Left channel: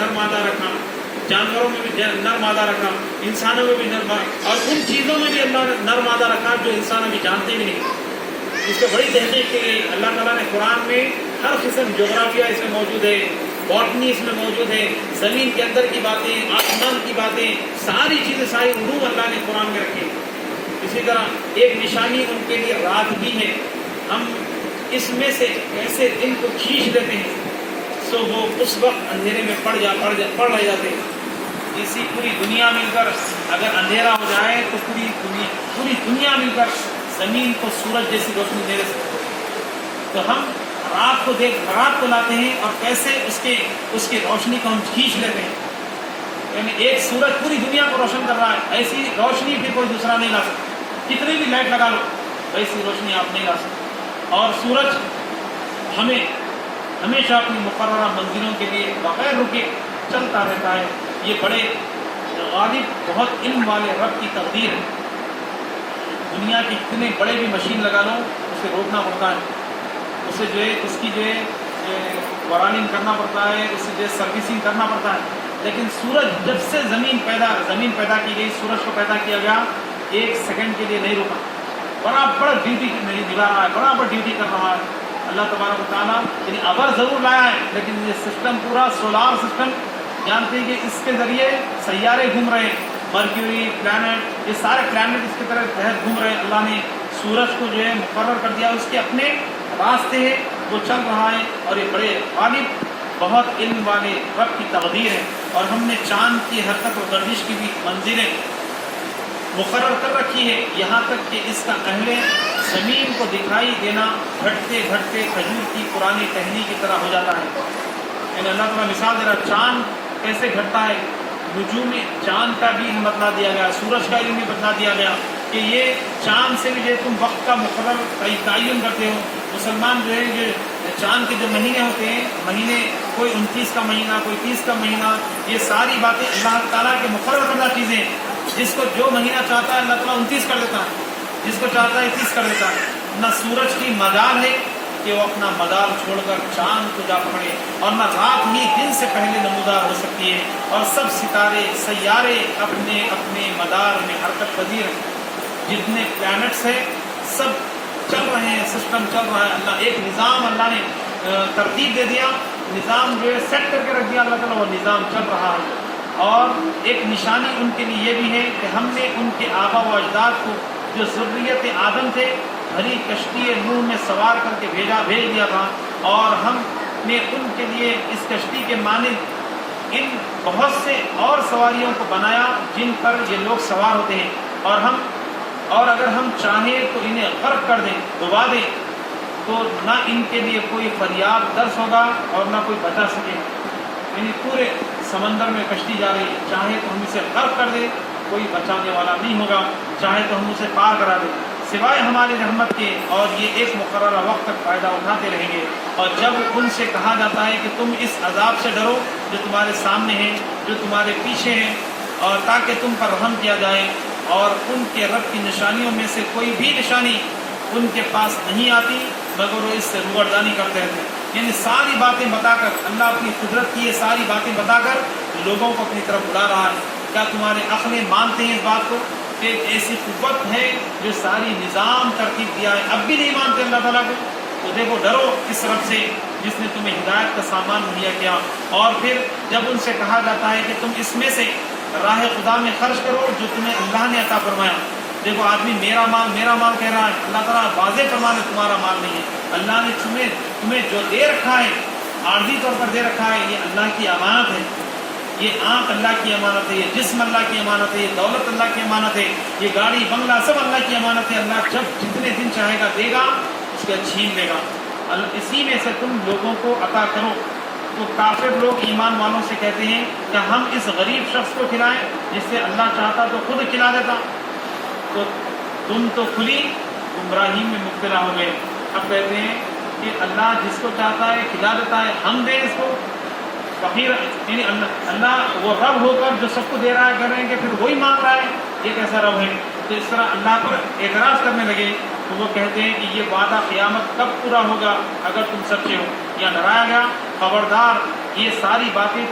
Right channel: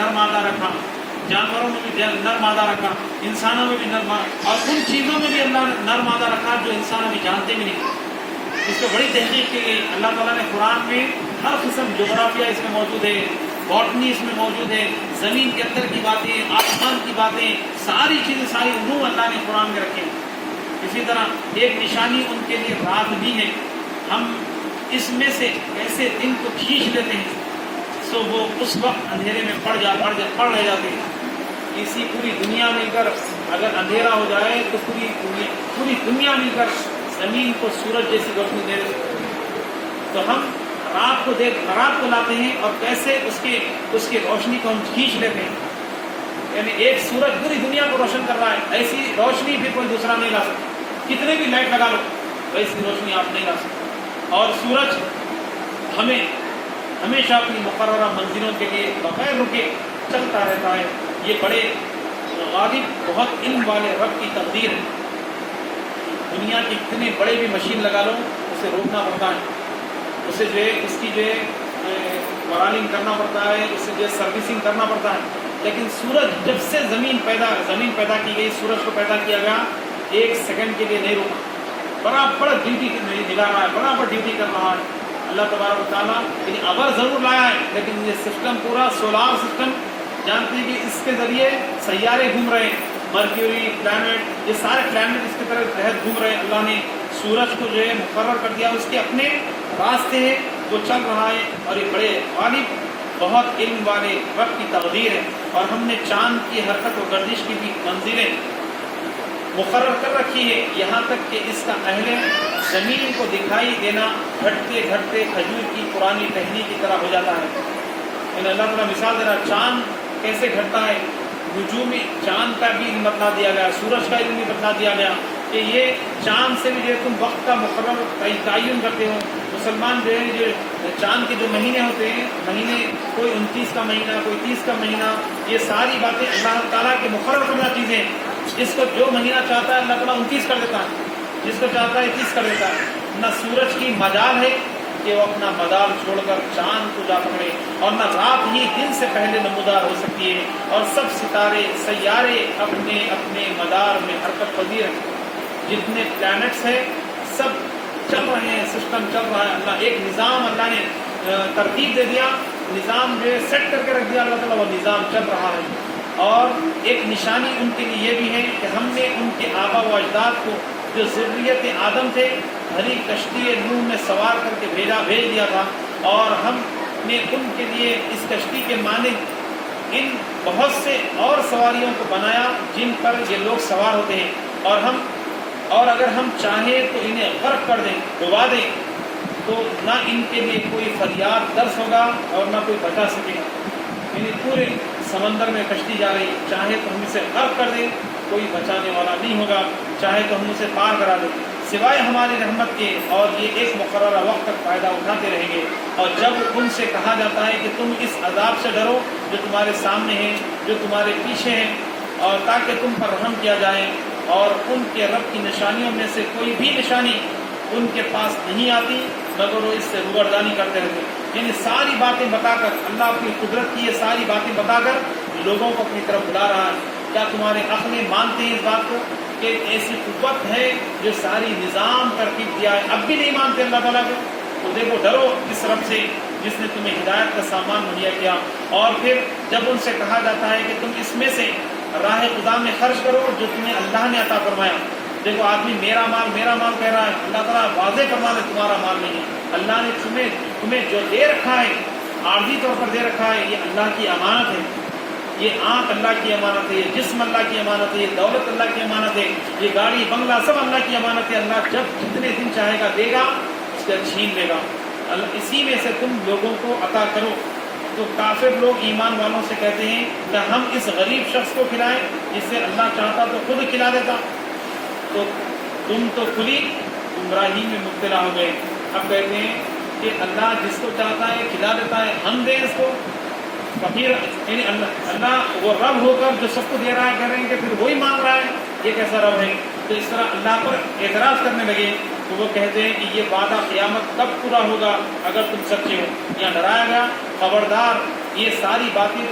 نر مادہ رکھا، جانوروں میں بھی نر مادہ رکھا، انسانوں میں بھی نر مادہ، اور ان چیزوں میں بھی اللہ نے نر مادہ رکھا جو انسان ابھی جانتے بھی نہیں۔ اس پہ بڑی تحقیق کی گئی۔ اللہ تعالیٰ نے قرآن میں ہر قسم جغرافیہ اس میں موجود ہے، باٹنی اس میں موجود ہے، زمین کے اندر کی باتیں، آسمان کی باتیں، ساری چیزیں، ساری علوم اللہ نے قرآن میں رکھے۔ اسی طرح ایک نشانی ان کے لیے رات بھی ہے۔ ہم اس میں سے ایسے دن کو کھینچ لیتے ہیں تو وہ اس وقت اندھیرے میں پڑ رہ جاتے ہیں۔ اسی پوری دنیا مل کر اگر اندھیرا ہو جائے تو پوری دنیا مل کر زمین کو سورج جیسی روشنی دے سکتے، تو ہم رات کو لاتے ہیں اور کیسے اس کی روشنی کو ہم کھینچ لیتے ہیں۔ یعنی ایک سورج پوری دنیا کو روشن کر رہا ہے، ایسی روشنی بھی کوئی دوسرا نہیں لا سکتا۔ کتنے بھی لائٹ لگا لو ویسی روشنی آپ نہیں لا سکتے۔ اور سورج ہمیں ہمیشہ اپنی مقررہ منزلوں کے لیے بغیر رکے چلتا رہتا ہے۔ یہ بڑے غالب، بہت علم والے رب کی تقدیر ہے۔ دنیا کی اتنے بڑے بھی مشین لگا لو اسے روکنا پڑتا ہے، اسے اس کی وراننگ کرنا پڑتا ہے، اسے سروسنگ کرنا پڑتا ہے۔ لیکن سورج جب سے زمین پیدا کی گئی، سورج کو پیدا کیا گیا، ایک سیکنڈ کے لیے نہیں رکا، برابر ڈیوٹی نبھا رہا ہے، برابر ڈیوٹی کر رہا ہے۔ اللہ تبارک و تعالیٰ یعنی ابر ضرور لایا ہے، لیکن یہ سسٹم پورا سولار سسٹم جانتے ہیں کہ اس کے ذریعے سیارے گھوم رہے ہیں، مرکیوری، پلانٹ، یہ سارے پلانٹ اس کی طرح تحت گھوم رہے ہیں۔ اللہ نے سورج کو مقرر کر دیا، اس کے اپنے راستے ہیں، وہ چل رہا ہے، اور یہ بڑے غالب، بہت علم والے رب کی تقدیر ہے۔ اور ہم نے چاند کی حرکت و گردش کی بھی منزلیں مقرر کر رکھی ہے، یہاں تک کہ اس کا اہل زمین کو دکھائی دینا گھٹتے گھٹتے کھجور کی پرانی ٹہنی کی طرح ہو جاتا ہے۔ یعنی اللہ تعالیٰ مثال دے رہا، چاند کیسے گھٹتا ہے، نجوم چاند کا بھی علم بتلا دیا گیا، سورج کا علم بھی بتلا دیا گیا کہ یہ چاند سے بھی جو تم وقت کا مقرر تعین کرتے ہو۔ مسلمان جو چاند کے جو مہینے ہوتے ہیں، مہینے کوئی 29 کا مہینہ، کوئی 30 کا مہینہ، یہ ساری باتیں اللہ تعالیٰ کے مقرر کردہ چیزیں ہیں۔ جس کو جو مہینہ چاہتا ہے اللہ تعالیٰ 29 کر دیتا ہے، جس کو چاہتا ہے 30 کر دیتا ہے۔ نہ سورج کی مجال ہے کہ وہ اپنا مدار چھوڑ کر چاند کو جا پکڑے، اور نہ رات ہی دن سے پہلے نمودار ہو سکتی ہے، اور سب ستارے سیارے اپنے اپنے مدار میں حرکت پذیر ہیں۔ جتنے پلانٹس ہیں سب چل رہے ہیں، سسٹم چل رہا ہے۔ اللہ ایک نظام اللہ نے ترتیب دے دیا، نظام سیٹ کر کے رکھ دیا اللہ تعالیٰ، وہ نظام چل رہا ہے۔ اور ایک نشانی ان کے لیے یہ بھی ہے کہ ہم نے ان کے آبا و اجداد کو جو ذریت آدم تھے بھری کشتی نوح میں سوار کر کے بھیج دیا تھا، اور ہم نے ان کے لیے اس کشتی کے مانند ان بہت سے اور سواریوں کو بنایا جن پر یہ لوگ سوار ہوتے ہیں، اور اگر ہم چاہیں تو انہیں غرق کر دیں، ڈبا دیں، تو نہ ان کے لیے کوئی فریاد درس ہوگا اور نہ کوئی بچا سکے گا۔ یعنی پورے سمندر میں کشتی جا رہی، چاہے تو ہم اسے غرق کر دیں، کوئی بچانے والا نہیں ہوگا، چاہے تو ہم اسے پار کرا دیں، سوائے ہماری رحمت کے، اور یہ ایک مقررہ وقت تک فائدہ اٹھاتے رہیں گے۔ اور جب ان سے کہا جاتا ہے کہ تم اس عذاب سے ڈرو جو تمہارے سامنے ہے، جو تمہارے پیچھے ہے، اور تاکہ تم پر رحم کیا جائے، اور ان کے رب کی نشانیوں میں سے کوئی بھی نشانی ان کے پاس نہیں آتی مگر وہ اس سے روگردانی کرتے رہتے۔ یعنی ساری باتیں بتا کر، اللہ اپنی قدرت کی یہ ساری باتیں بتا کر لوگوں کو اپنی طرف بلا رہا ہے۔ کیا تمہارے عقلیں مانتے ہیں اس بات کو کہ ایک ایسی قوت ہے جو ساری نظام ترتیب دیا ہے؟ اب بھی نہیں مانتے اللہ تعالیٰ کو؟ تو دیکھو، ڈرو اس رب سے جس نے تمہیں ہدایت کا سامان مہیا کیا۔ اور پھر جب ان سے کہا جاتا ہے کہ تم اس میں سے راہ خدا میں خرچ کرو جو تمہیں اللہ نے عطا فرمایا۔ دیکھو، آدمی میرا مال کہہ رہا ہے، اللہ تعالیٰ واضح فرما دے تمہارا مال نہیں ہے۔ اللہ نے تمہیں جو دے رکھا ہے، عارضی طور پر دے رکھا ہے، یہ اللہ کی امانت ہے۔ یہ آنکھ اللہ کی امانت ہے، یہ جسم اللہ کی امانت ہے، یہ دولت اللہ کی امانت ہے، یہ گاڑی بنگلہ سب اللہ کی امانت ہے۔ اللہ جب جتنے دن چاہے گا دے گا، اس کا چھین لے گا۔ اسی میں سے تم لوگوں کو عطا کرو۔ تو کافر لوگ ایمان والوں سے کہتے ہیں کہ ہم اس غریب شخص کو کھلائیں جس سے اللہ چاہتا تو خود کھلا دیتا۔ تو تم تو کھلی گمراہی میں مبتلا ہو گئے۔ اب کہتے ہیں کہ اللہ جس کو چاہتا ہے کھلا دیتا ہے، ہم دیں اس کو؟ فقیر یعنی اللہ وہ رب ہو کر جو سب کو دے رہا ہے، کہہ رہے ہیں کہ پھر وہی مانگ رہا ہے، یہ کیسا رب ہے؟ تو اس طرح اللہ پر اعتراض کرنے لگے۔ تو وہ کہتے ہیں کہ یہ وعدہ قیامت کب پورا ہوگا اگر تم سچے ہو؟ یا ڈرایا گیا، خبردار، یہ ساری باتیں